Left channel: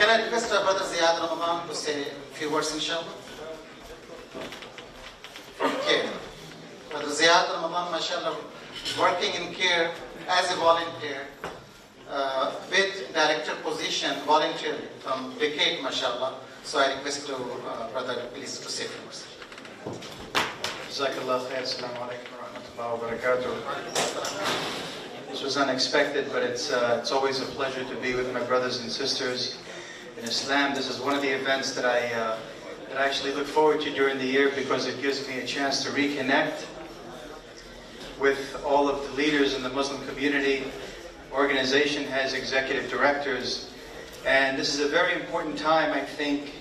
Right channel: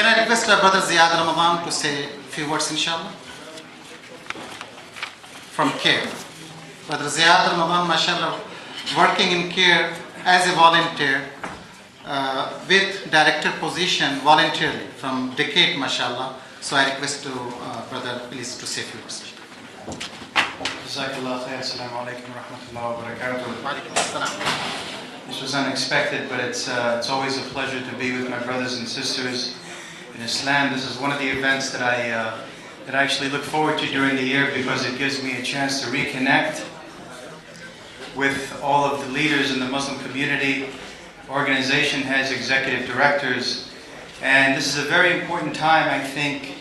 Can I request Brother Ziad Ramadan to say a few words, inshallah? From CAIR. Brother Ziad Ramadan, mashallah, working in CAIR as a volunteer with director position voluntarily from decade, mashallah. So I request to Brother, please, to say a few words. Jazakallah khair. Assalamu alaikum wa rahmatullahi wa barakatuh. This was unexpected, but it's always a pleasure to be with my brothers and sisters in Islam. This is one of the events that I actually look forward to during the year because it gives me a chance to reconnect with all of the leaders in the Muslim community, organization heads, executive directors. And this is a very important time, I think,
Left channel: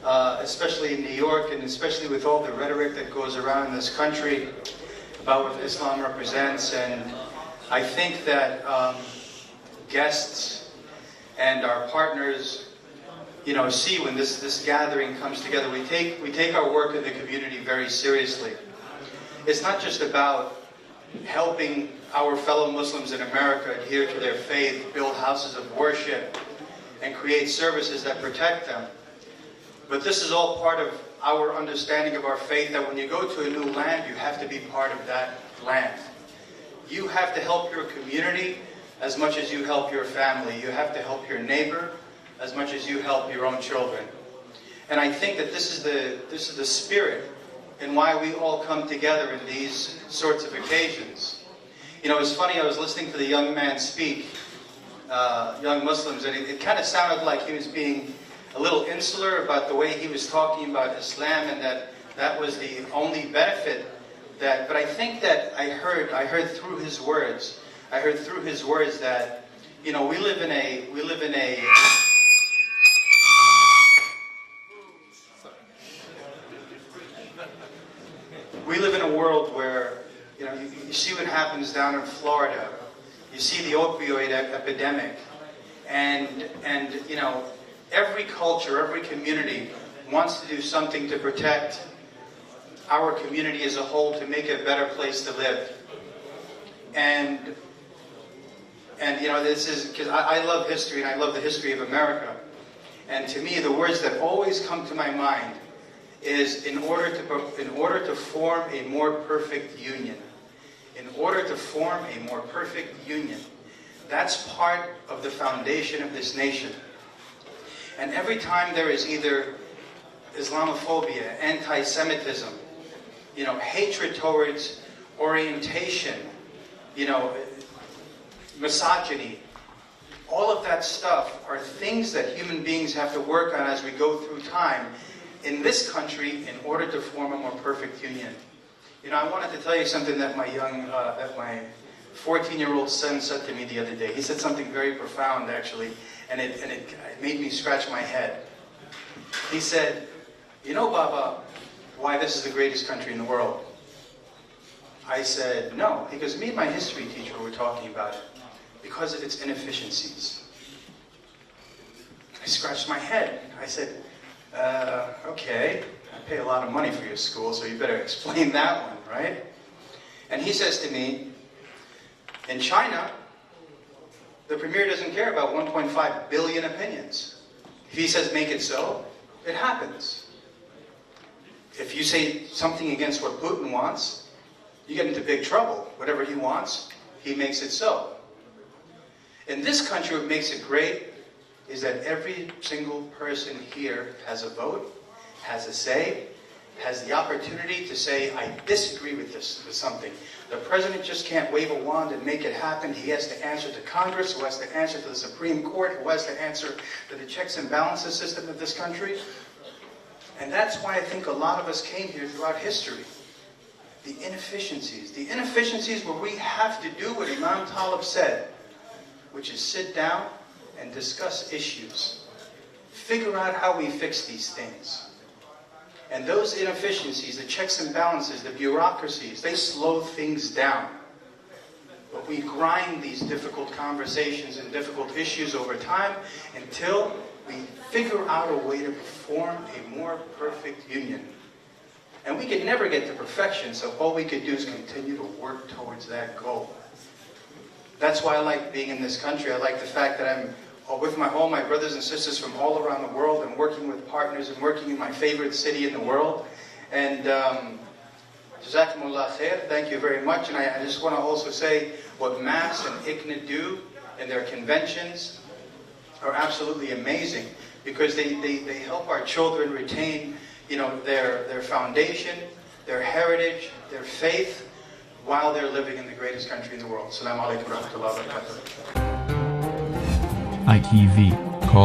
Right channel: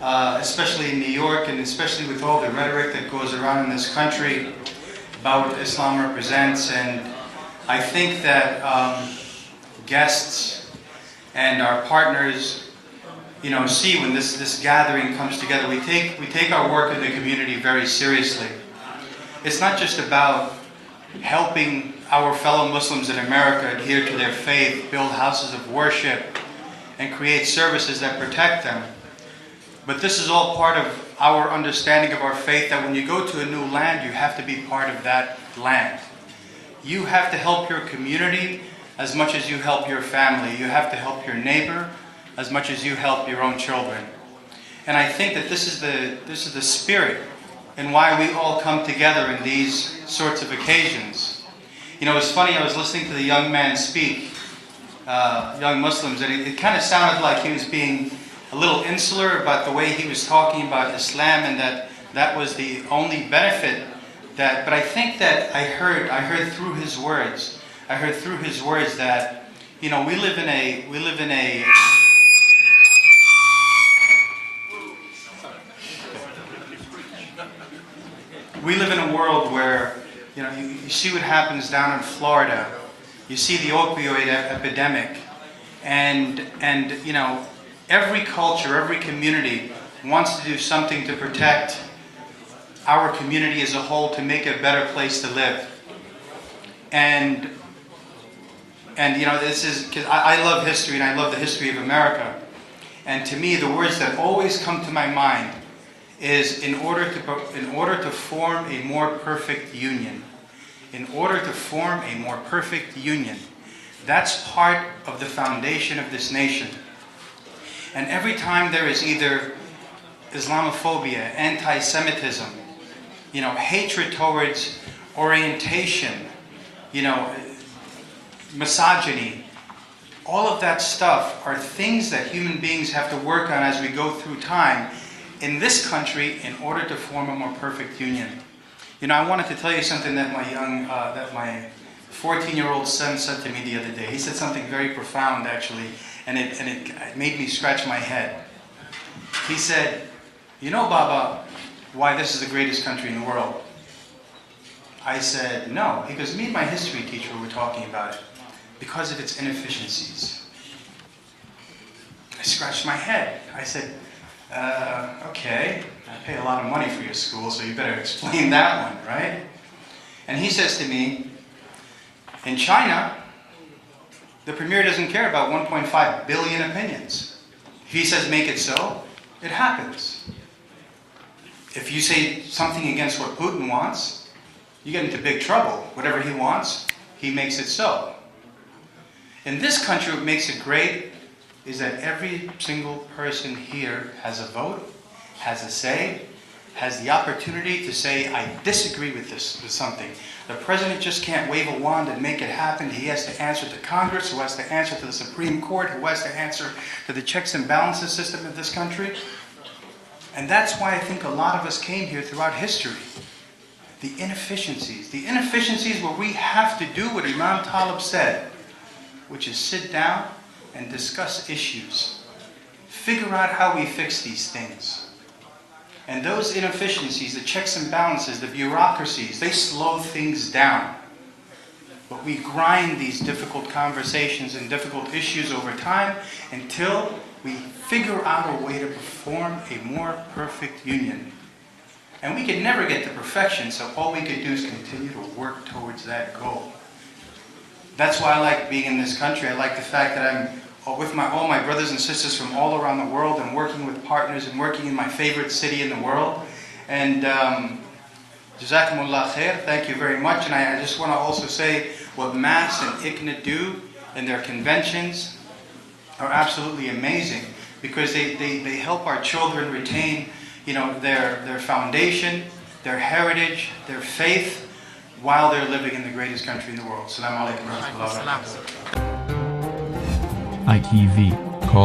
especially in New York and especially with all the rhetoric that goes around in this country about what Islam represents. And I think that guests and our partners, see when this gathering comes together, we take our work in the community very seriously. It's not just about helping our fellow Muslims in America adhere to their faith, build houses of worship, and create services that protect them. But this is all part of our understanding of our faith, that when you go to a new land, you have to be part of that land. You have to help your community as much as you help your family. You have to help your neighbor as much as you help your own children. And I think that this is the spirit and why we all come together in these sorts of occasions. It's funny, I was listening to the young man speak, young Muslims, and it kind of sounded like he was being a little insular about the way he was talking about Islam, and that was the only benefit but I think that I heard through his words that, we live in a world where, you see what happens down in Florida. You see the opioid epidemic, and every culture, every community wants to do something to protect our community as a whole, to make it a better place to live. And this is because I love history, and I love the history of America. And to me, the words that always come to my mind is in order to form a more perfect union. In order to form a more perfect union. That's part of the foundation of this nation. And every time there is either Islamophobia, anti-Semitism, hatred towards orientation, misogyny, all of that stuff are things that human beings have to work on as we go through time in this country in order to form a more perfect union. I wanted to tell you something that my 14-year-old son said to me the other day. He said something very profound, actually, and it made me scratch my head. He said, Baba, why this is the greatest country in the world? I said, no. He goes, me and my history teacher were talking about it. Because of its inefficiencies. I scratched my head. I said, okay, I pay a lot of money for your school, so you better explain that one, right? And he says to me, in China, the premier doesn't care about 1.5 billion opinions. If he says make it so, it happens. If you say something against what Putin wants, you get into big trouble. Whatever he wants, he makes it so. In this country, what makes it great is that every single person here has a vote, has a say, has the opportunity to say, I disagree with something. The president just can't wave a wand and make it happen. He has to answer to Congress, who has to answer to the Supreme Court, who has to answer to the checks and balances system of this country. And that's why I think a lot of us came here throughout history. The inefficiencies where we have to do what Imam Talib said, which is sit down and discuss issues. Figure out how we fix these things. And those inefficiencies, the checks and balances, the bureaucracies, they slow things down. But we grind these difficult conversations and difficult issues over time until we figure out a way to form a more perfect union. And we can never get to perfection, so all we can do is continue to work towards that goal. That's why I like being in this country. I like the fact that I'm with all my brothers and sisters from all around the world, and working with partners and working in my favorite city in the world. And Jazakumullah khair, thank you very much. And I just want to also say what MAS and ICNA do in their conventions are absolutely amazing, because they help our children retain, their foundation, their heritage, their faith, while they're living in the greatest country in the world. Assalamu alaikum wa rahmatullahi wa barakatuh. ITV.